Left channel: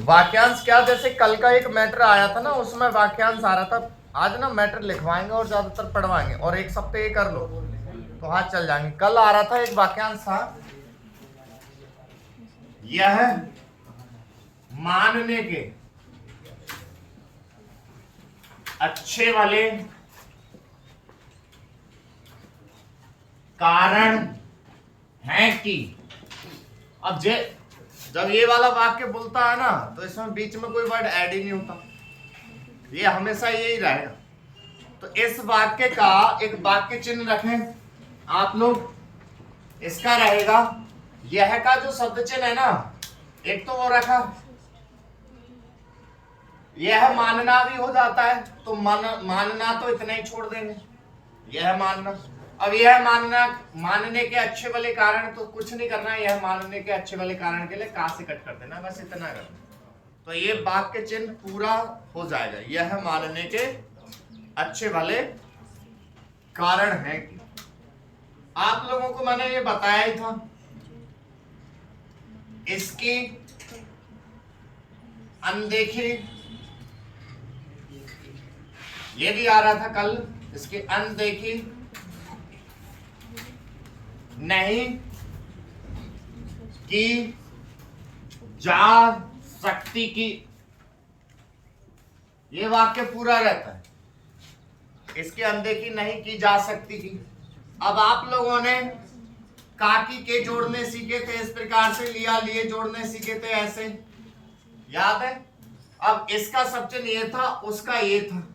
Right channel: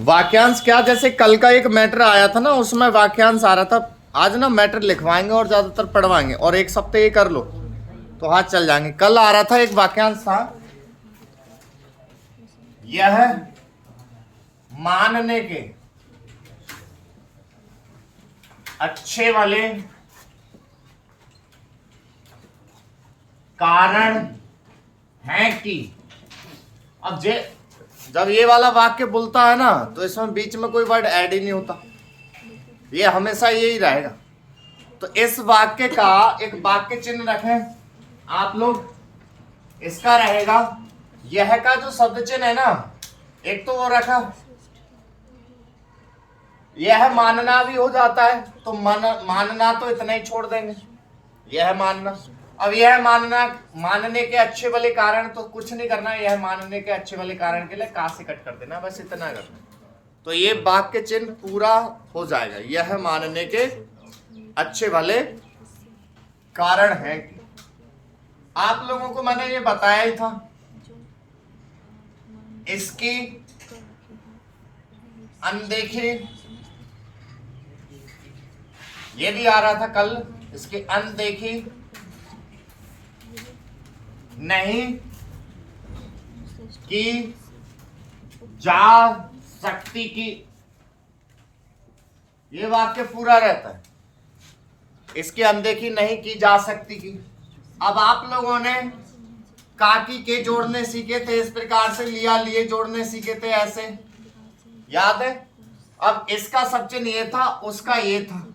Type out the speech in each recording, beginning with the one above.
वाक्यांश क्या, जैसे कल का एक मैटर आया था ना, उसमें वाक्यांश आ रहा था। आज ना मैटर लिखवाएंगे और ज्यादातर पढ़वाएंगे, और एक सप्ताह ये कर लो तो हाथ चल जाएंगे। कल आ रहा था एक वाक्यांश था, यह मानने के अच्छे वाले कारण है कि। अब जब ये वाला वाक्य बोलता है ना, तो इसमें बीच में कोई वर्ड ऐड ही नहीं होता, ये हमेशा यही रहेगा। तो इस वाक्य का एक वाक्य चिन्ह रखें आप लोग। इसका रहेगा यह का जो शब्द चिन्ह है ना, एक तो वो रखा, यह मानना भी हो जाता है, तो मानना तो इतना ही छोड़ देंगे, यह मानना। अब यह मानना, मानने के अच्छे वाले कारण, तो कुछ नहीं करना है, यह मानने के अच्छे वाले कारण के लिए का से कट कर देना, बस इतना करना। तो ये वाक्य चिन्ह पूरा हो जाएगा, यह मानने के अच्छे वाले कारण है कि। आप लोगों को मैंने ये बताया ही था, इसकी अनदेखी, ये भी आ रहा था कल, इसकी अनदेखी नहीं की जा सकती की। ये वाक्य पूरा रहता है, इसकी अनदेखी नहीं की जा सकती की। अब आप लोगों ने काकी के जोड़ने सीखे थे इस प्रकार से, लिया लिए जोड़ने सीखे थे ऐसे, याद है। अब इसका सब चिन्ह ये था, उसका ये था,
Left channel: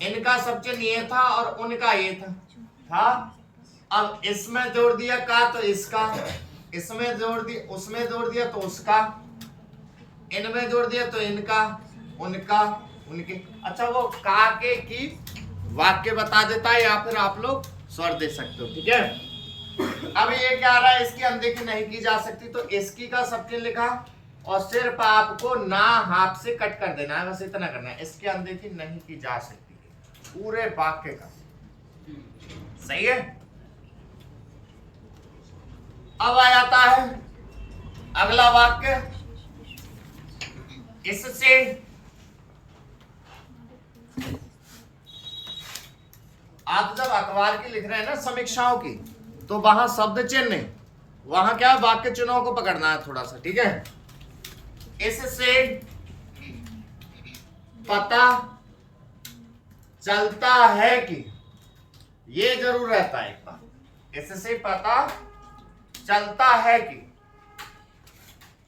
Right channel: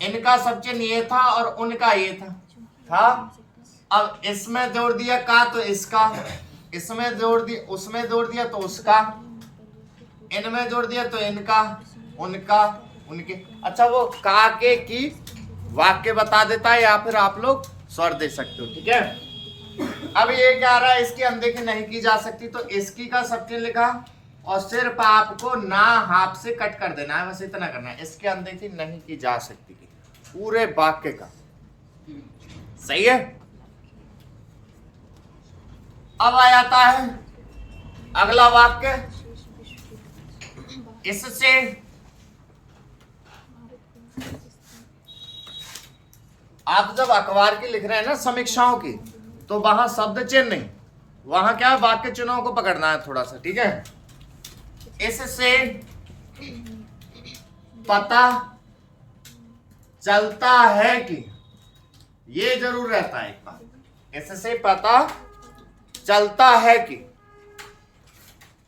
इनका सब चिन्ह ये था और उनका ये था। अब इसमें जोड़ दिया का तो इसका, इसमें जोड़ दिया, उसमें जोड़ दिया तो उसका, इनमें जोड़ दिया तो इनका, उनका, उनके। अच्छा, वो का के की वाक्य बता देता है, या फिर आप लोग स्वर दे सकते हो, ठीक है। अब ये क्या आ रहा है, इसकी अनदेखी नहीं की जा सकती, तो इसकी का सब चिन्ह लिखा और सिर्फ आपको ना हाथ से कट कर देना है, बस इतना करना है। इसकी अनदेखी नहीं की जा सकती पूरे वाक्य का, सही है। अब आ जाता है अगला वाक्य, इससे आप जब अखबार की लिख रहे हैं ना समीक्षाओं की, तो वहां शब्द चिन्ह नहीं, वहां क्या वाक्य चिन्हों को पकड़ना है थोड़ा सा, ठीक है। इससे पता चलता है कि, ये जरूर रहता है एक बार, इससे पता चलता है कि।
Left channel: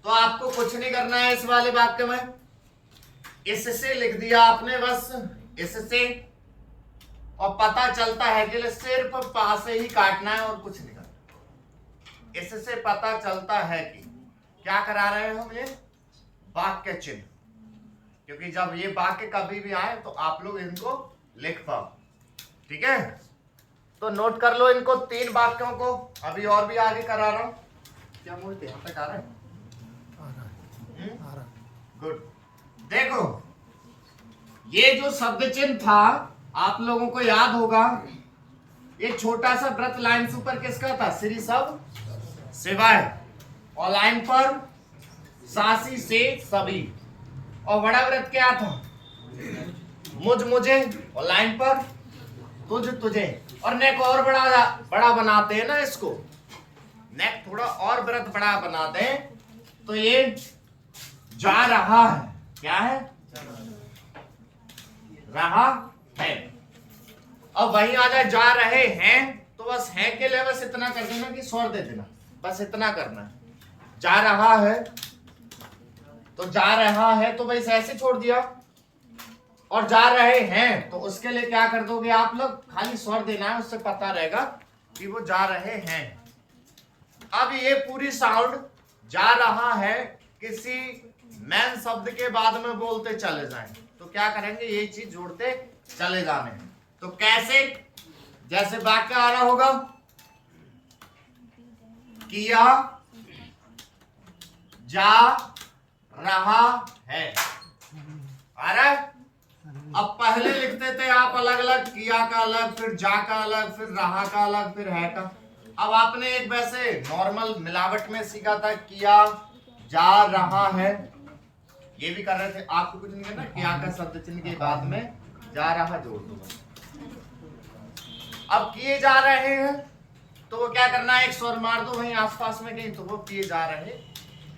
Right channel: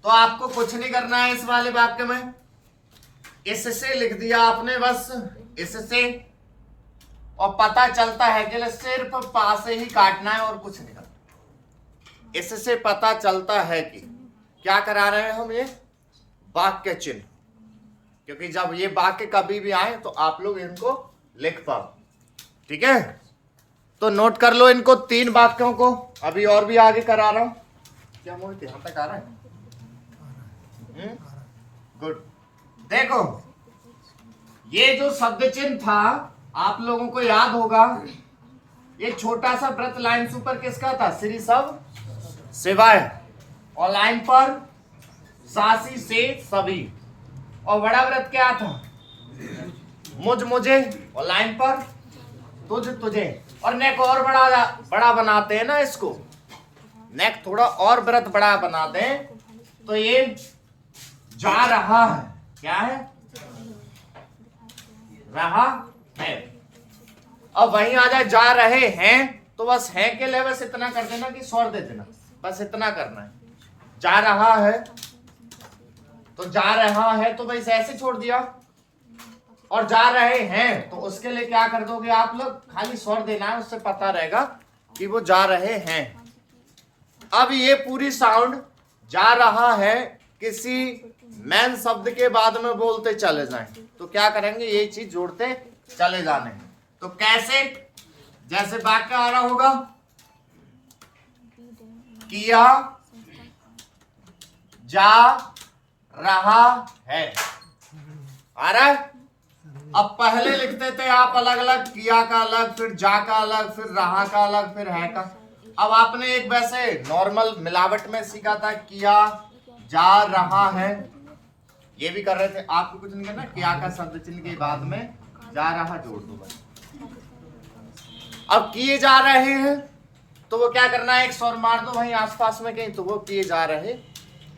तो आपको कुछ नहीं करना है इस वाले वाक्य में, इससे लिख दिया आपने बस, इससे, और पता चलता है के लिए सिर्फ पास से ही काटना है और कुछ नहीं करना। इससे पता चलता है कि क्या करा रहे हैं हम, ये वाक्य चिन्ह, क्योंकि जब ये वाक्य कभी भी आए तो आप लोग इनको लिख पाओ, ठीक है। तो नोट कर लो इनको, 3 वाक्यों को, अभी और भी आगे करा रहा हूं। क्या मोहित यहां तक आ रहा है? गुड। देखो, ये जो शब्द चिन्ह था आप लोगों को याद होगा, ये छोटा सा व्रत लाइन से ऊपर किसका था, श्री सब शिवाय, और लाइन पर सासी से सभी, और बड़ा व्रत क्या था, मुझ मुझे, और लाइन पर तुझ तुझे। और नेक और बड़ा बनाते हैं ना इसको, नेक थोड़ा और व्रत बड़ा बना दे, तो ये जा रहा है, क्या है, रहा है। अब वहीं आ जाए जा रहे हैं, तो बस है के लिए बस इतना कर देना कि स्वर दे देना, बस इतना करना है। जा रहा है तो जा रहा है तो बस ऐसे छोड़ दिया, और जा रहे हैं तो उसके लिए क्या कर दोगे आप लोग, खाली स्वर देना है, उससे पता रहेगा कि वो जा रहे हैं। अब ये पूरी साउंड जा रहा है किसी मैन शब्द के बाद में बोलते चले जाएं, तो क्या करेंगे, ये चीज जोड़ते चले जाने हैं। तो कैसे, जैसे वाक्य आ रहा होगा, किया जा रहा है, आ रहा है। अब पहले लिखते थे आप अलग अलग, किया का अलग, फिर जा का अलग, फिर रहा का अलग, फिर है का। अब आपने एक वैसे नॉर्मल मिलावट में सीखा था, किया जा रहा है, ये भी कर रहे थे, आपको कुछ नहीं करना, क्या का शब्द चिन्ह के बाद में जा रहा जोड़ दो बस। अब किए जा रहे हैं तो वो क्या करना है, एक स्वर मार दो वहीं आसपास में कहीं, तो वो किए जा रहे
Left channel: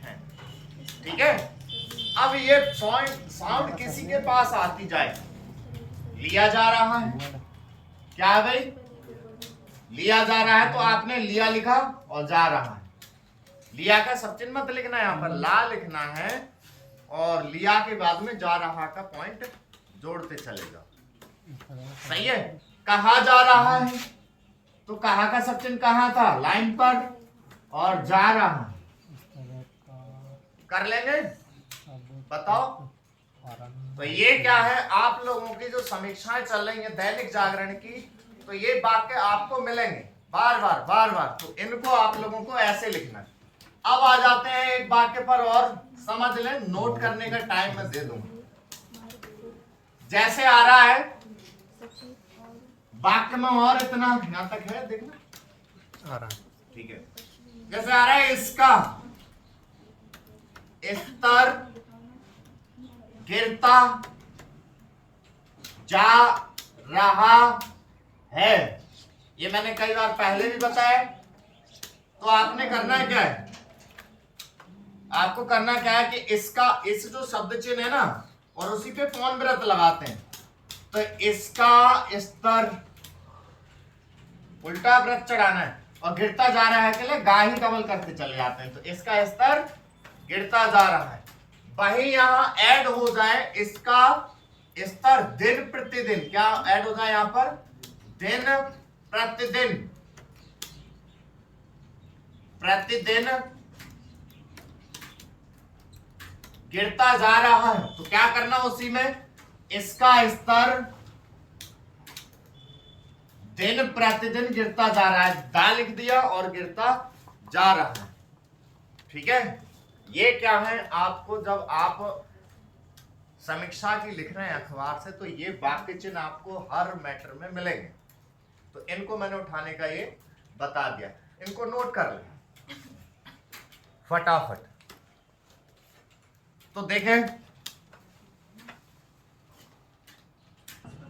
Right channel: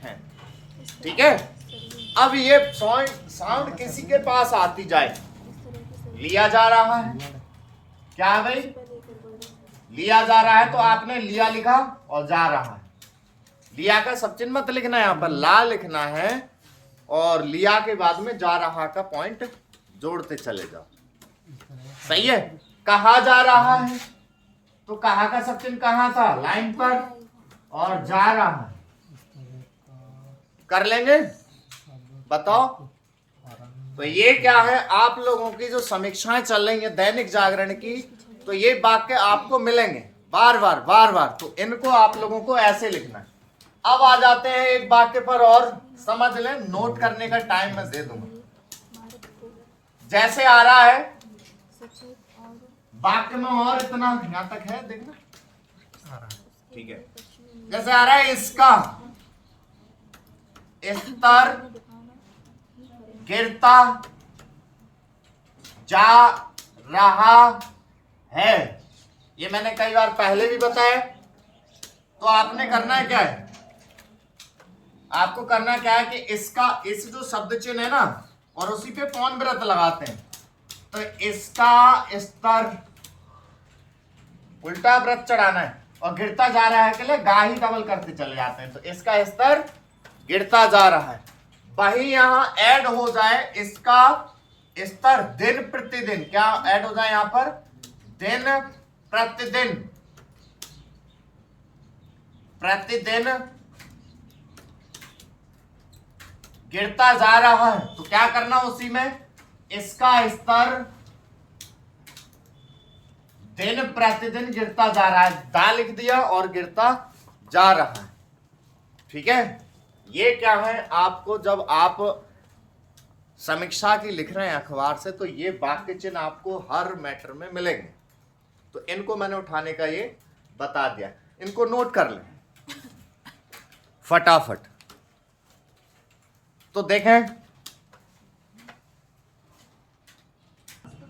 हैं। ठीक है, अब ये साउंड किसी के पास आती जाए, लिया जा रहा है, क्या है भाई, लिया जा रहा है, तो आपने लिया लिखा और जा रहा है। लिया का सब चिन्ह मत लिखना है, यहाँ पर ला लिखना है और लिया के बाद में जा रहा का पॉइंट जोड़ते चले जाओ। सही है। कहा जा रहा है तो कहा का सब चिन्ह कहाँ था, लाइन पर, और जा रहा है कर लेंगे, बताओ। तो ये क्या है, आप लोगों की जो समीक्षाएं चल रही है दैनिक जागरण की, तो ये वाक्य आपको मिलेंगे बार बार, तो इनको आप लोगों को ऐसे लिखना है। अब आ जाते हैं एक वाक्य पर और समझ लें, नोट करने का टाइम मैं दे दूंगा। जैसे आ रहा है वाक्य में, और इतना यहां तक है, देखना, ठीक है। जैसे आ रहा है इसका स्तर गिरता जा रहा है, ये मैंने कई बार पहले भी बताया। तो आपने करना है क्या है, आपको करना क्या है कि इसका, इस जो शब्द चिन्ह है ना, और उसी पे पौन व्रत लगाते हैं, तो इसका स्तर उल्टा व्रत चढ़ाना है, और गिरता जा रहा है के लिए गा ही डबल करते चले जाते हैं, तो इसका स्तर गिरता जा रहा है। वही यहां ऐड हो जाए इसका स्तर दिन प्रतिदिन, क्या ऐड हो जाए यहां पर, दिन प्रतिदिन, प्रतिदिन गिरता जा रहा है, तो क्या करना उसी में, इसका स्तर दिन प्रतिदिन गिरता जा रहा है, दा लिख दिया और गिरता जा रहा है। ठीक है, ये क्या है, आपको जब आप समीक्षा की लिख रहे हैं अखबार से, तो ये वाक्य चिन्ह आपको हर मैटर में मिलेंगे, तो इनको मैंने उठाने का ये बता दिया, इनको नोट कर लें फटाफट। तो देखें,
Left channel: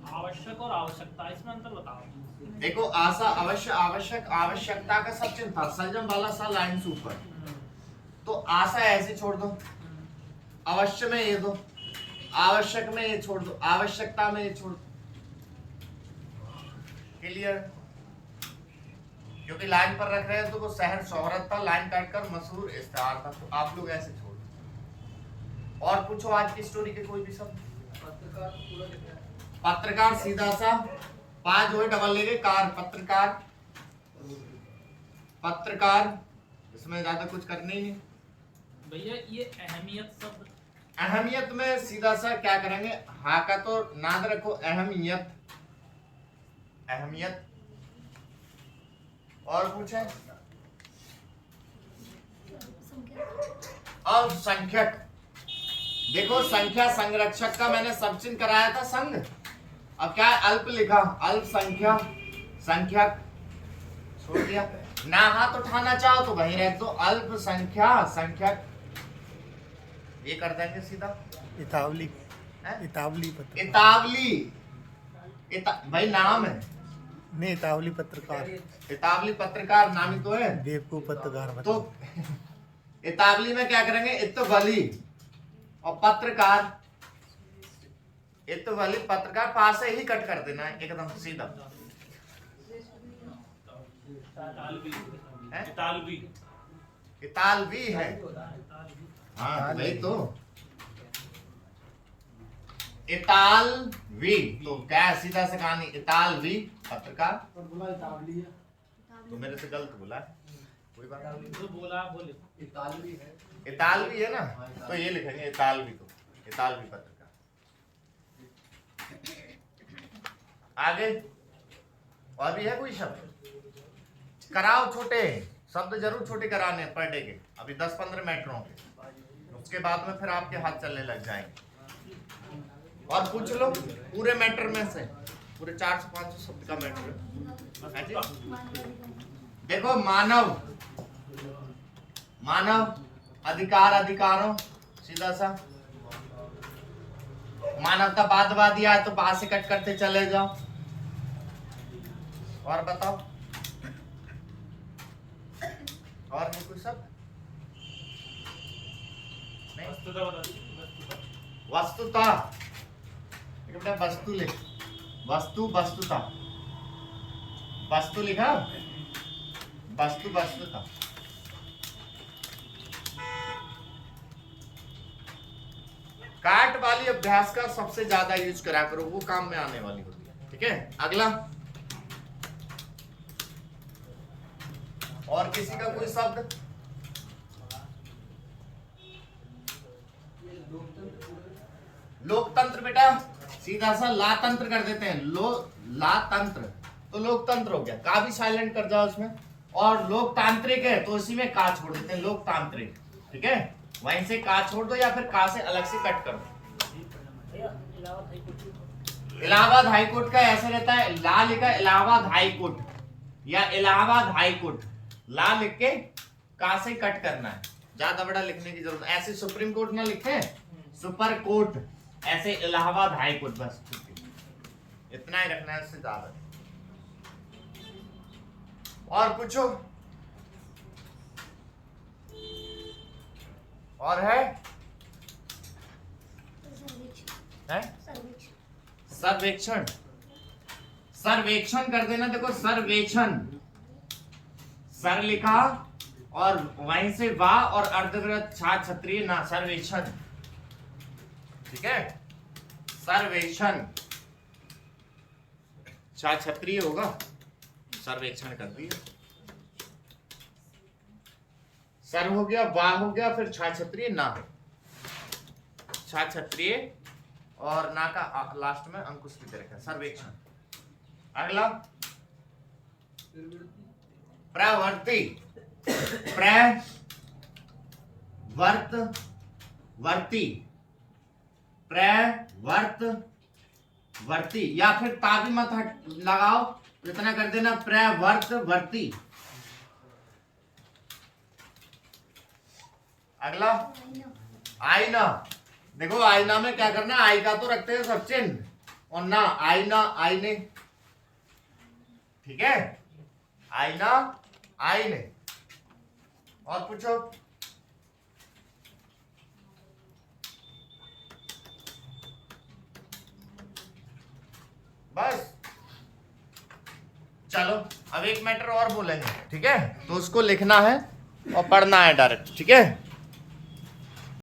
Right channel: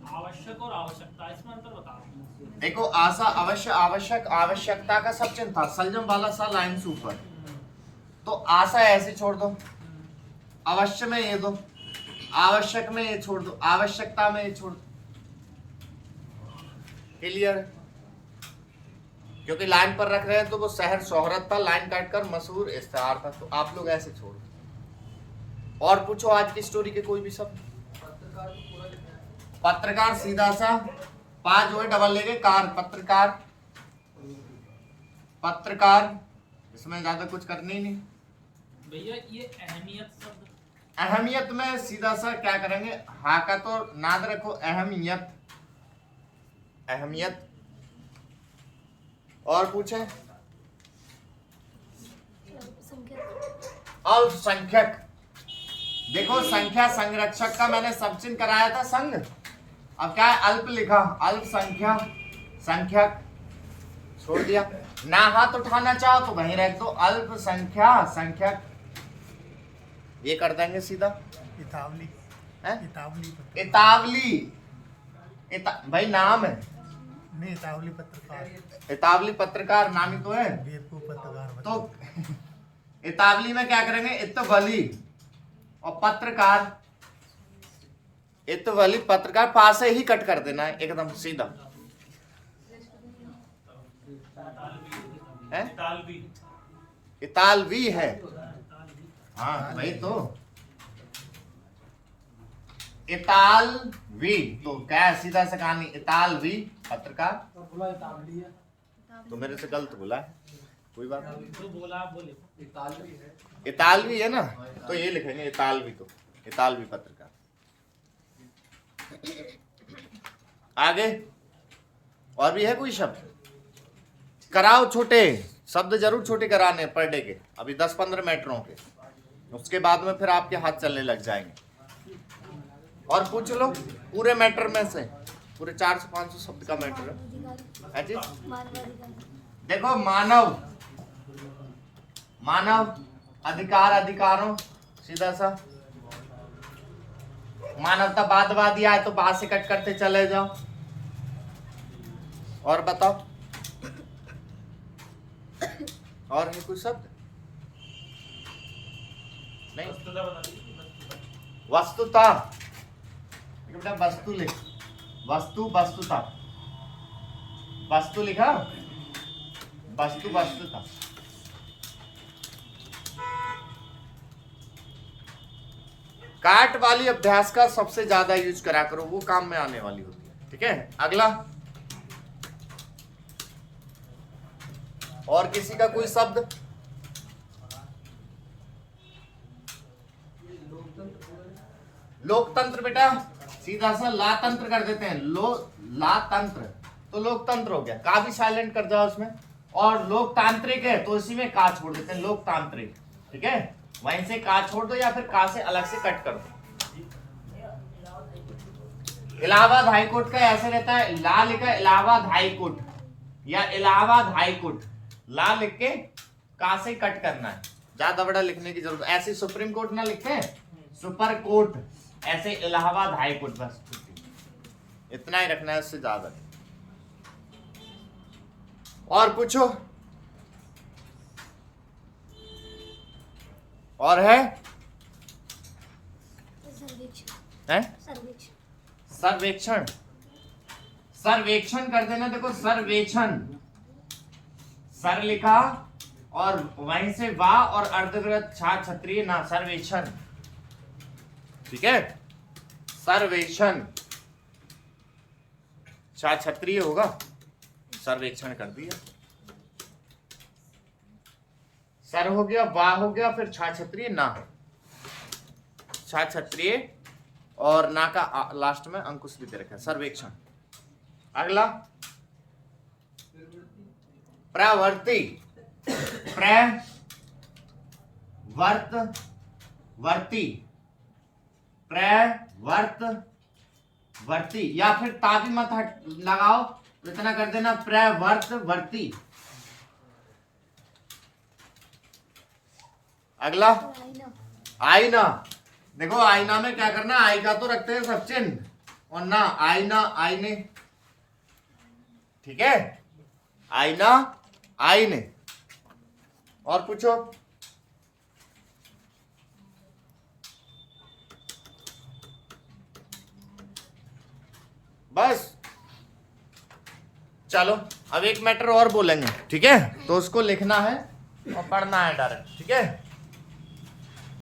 आवश्यक और आवश्यकता, इसमें अंतर बताओ। देखो, आशा अवश्य, आवश्यक, आवश्यकता का सब चिन्ह था, सलजम वाला सा लाइन से ऊपर, तो आशा ऐसे छोड़ दो, अवश्य में ये दो, आवश्यक में ये छोड़ दो, आवश्यकता में ये छोड़ दो। क्लियर? क्योंकि लाइन पर रख रहे हैं तो वो शहर शोहरत था, लाइन काटकर मशहूर इश्तिहार था, तो आप लोग ऐसे छोड़ दो। और पूछो आज की स्टोरी के कोई भी शब्द। पत्रकार तो पूरा लिखा है, पत्रकार सीधा सा, 5 हो डबल लेंगे, कार, पत्रकार, पत्रकार, इसमें ज्यादा कुछ करने ही नहीं। भैया ये अहमियत शब्द, अहमियत में सीधा सा क्या करेंगे, हाँ का तो नाद रखो, अहमियत, अहमियत। और पूछे, अल्पसंख्यक, देखो संख्या संरक्षक का मैंने सब चिन्ह कराया था संघ, अब क्या है, अल्प लिखा, अल्पसंख्या, संख्यक छोड़ दिया, ना हाथ उठाना चाहो तो वहीं रख दो, अल्पसंख्या संख्यक, ये कर देंगे सीधा। इतावली, इतावली इतावली, भाई नाम है, नहीं इतावली पत्रकार, इतावली पत्रकार नाम ही तो है, बेवकूफ पत्रकार। तो इतावली में क्या करेंगे, इतवली, और पत्रकार, इतवली पत्रकार, पास से ही कट कर देना है एकदम सीधा है, इतालवी है, हाँ वही तो, इतालवी, तो क्या है, सीधा से कहानी, इतालवी पत्रकार, तो मेरे से गलत बोला, कोई बात नहीं, जो बोला बोले, इतालवी है, इतालवी है ना, तो ये लिखेंगे इतालवी, तो इतालवी पत्रकार। आगे और भी है कोई शब्द, कराओ छोटे शब्द, जरूर छोटे कराने पर डे के, अभी 10-15 मैटरों के, उसके बाद में फिर आपके हाथ चलने लग जाएंगे। और पूछ लो पूरे मैटर में से, पूरे 400-500 शब्द का मैटर है जी। देखो, मानव, मानव, अधिकार, अधिकारों, सीधा सा, मानवतावादी आए तो बाद से कट करते चले जाओ। और बताओ, और भी कुछ शब्द नहीं? वस्तुता, बेटा वस्तु लिख, वस्तु वस्तुता, वस्तु लिखा, वस्तु वस्तुता। काट वाली अभ्यास का सबसे ज्यादा यूज करा करो, वो काम में आने वाली होती है। ठीक है, अगला और किसी का कोई शब्द? लोकतंत्र बेटा सीधा सा लातंत्र कर देते हैं, लातंत्र तो लोकतंत्र हो गया, का भी साइलेंट कर जाओ उसमें। और लोकतांत्रिक है तो इसी में का छोड़ देते हैं, लोकतांत्रिक। ठीक है, वहीं से का छोड़ दो या फिर का से अलग से कट करो। इलाहाबाद हाईकोर्ट का ऐसे रहता है, ला लिखा इलाहाबाद हाईकोर्ट या इलाहाबाद हाईकोर्ट, ला लिख के का से कट करना है, ज्यादा बड़ा लिखने की जरूरत। ऐसे सुप्रीम कोर्ट ना लिखते हैं, सुपर कोर्ट, ऐसे इलाहाबाद हाईकोर्ट, बस इतना ही रखना है, इससे ज्यादा। और पूछो, और है? सर्वेक्षण, सर्वेक्षण कर देना। देखो सर्वेक्षण, सर लिखा और वहीं से वाह और अर्धविराम छा क्षत्रिय ना, सर्वेक्षण। ठीक है, सर्वेक्षण छा क्षत्रिय होगा, सर्वेक्षण कर दिया। सर हो गया, वाह हो गया, फिर छा क्षत्रिय ना, छा क्षत्रिय और ना का लास्ट में अंकुश भी दे रखा है, सर्वेक्षण। अगला प्रवर्ती, प्रवर्ती, प्रवर्ती या फिर ताबी मत लगाओ, इतना कर देना प्रवर्तवर्ती। अगला आईना, देखो आईना में क्या करना, आई का तो रखते हैं सब चिन्ह, और ना आईना, आईने। ठीक है, आईना, आईने। और पूछो, बस चलो अब एक मैटर और बोलेंगे। ठीक है, तो उसको लिखना है और पढ़ना है डायरेक्ट। ठीक है।